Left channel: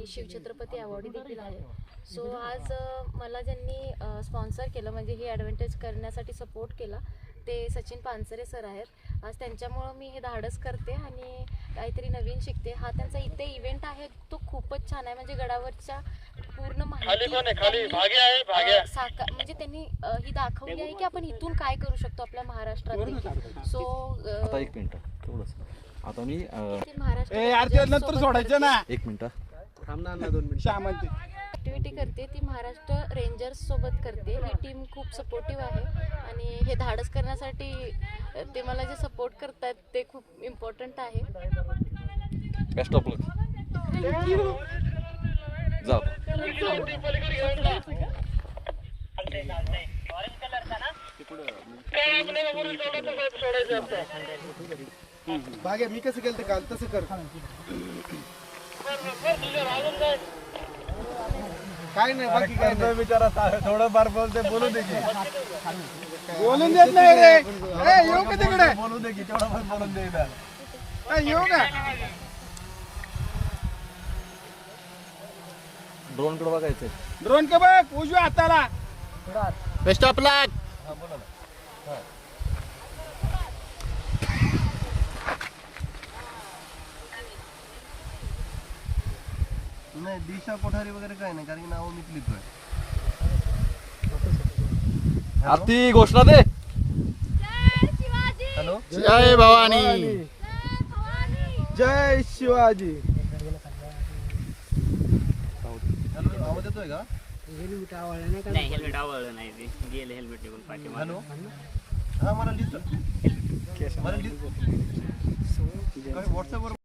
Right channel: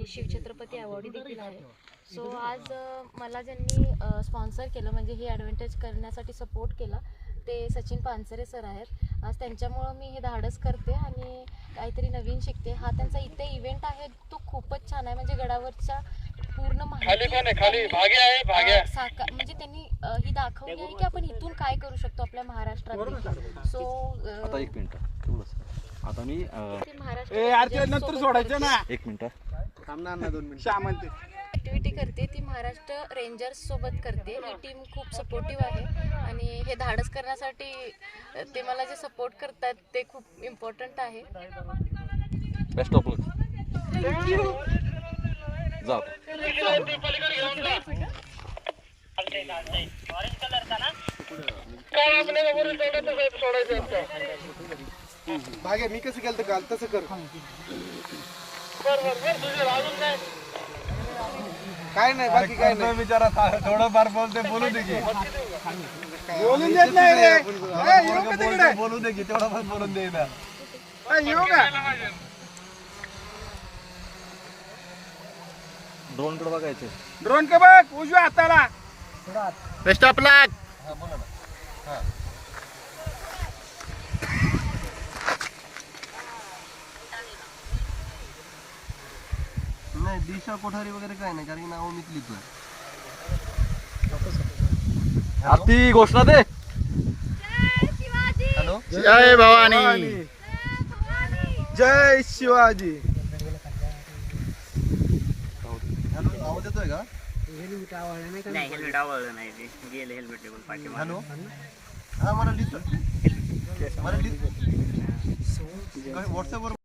आणि शिवछत्रपती अवॉर्ड देखील आहे. सो आज मला ज्यांनी स्पॉन्सर केलं म्हणजे ही ॲडव्हान्टेज करण्यासाठी सपोर्ट केला ते सचिन पानसरे सर आहेत. आज त्यांच्यामुळं मी हे धाडस करते आणि काहीतरी नवीन शिकते. हा त्यांचा इथे इव्हेंट आहे तो खूपच छान आहे. म्हणजे गडावरच्या पूर्ण माहिती म्हणजे त्यांनी ही दाखवली आहे की आपण इथून काय करू शकतो आपल्या महाराष्ट्रात. सो आता एक मिनिट आता मी नंतर सोडायचं ना. एक मिनिट थांबणार ना 2 मिनिट. ॲक्टिव्हिटी करते ती महाराष्ट्र रेंजर्स सोबत करते. ही टीम खूप सपोर्टिव्ह आहे आणि हे धाडस करण्यासाठी ते मला जे सपोर्ट करतात ते खूप इम्पॉर्टंट आहे. बेस्ट ऑफ लक. जा भाग्या मी कसं केलं काल तसं कर. काय नाही बाकी काय नाही. विचारा थोडं फार बोलते बोलू दे की बोलून देत नाही रे. येऊ का तिकडे बोलू दे की तेवढं फार बोलून दे इथं. येऊ का. ड्रोन कडे बघायचं. ड्रोन का बघ उजव्या हाताला. बेस्ट ऑफ लक. नाही दिशा कोठारी वगैरे काय नाही कारण नाव मी लिहितो. आरती घोषणा दे. जय भवानी. जय शिवाजी. देतोय का नाही हेल्मेट आवडलं नाही ते गेले हेल्मेट निघून पाठीमागे. हा मला लिहितो. मला लिहितो. व्हॉट्सअपवर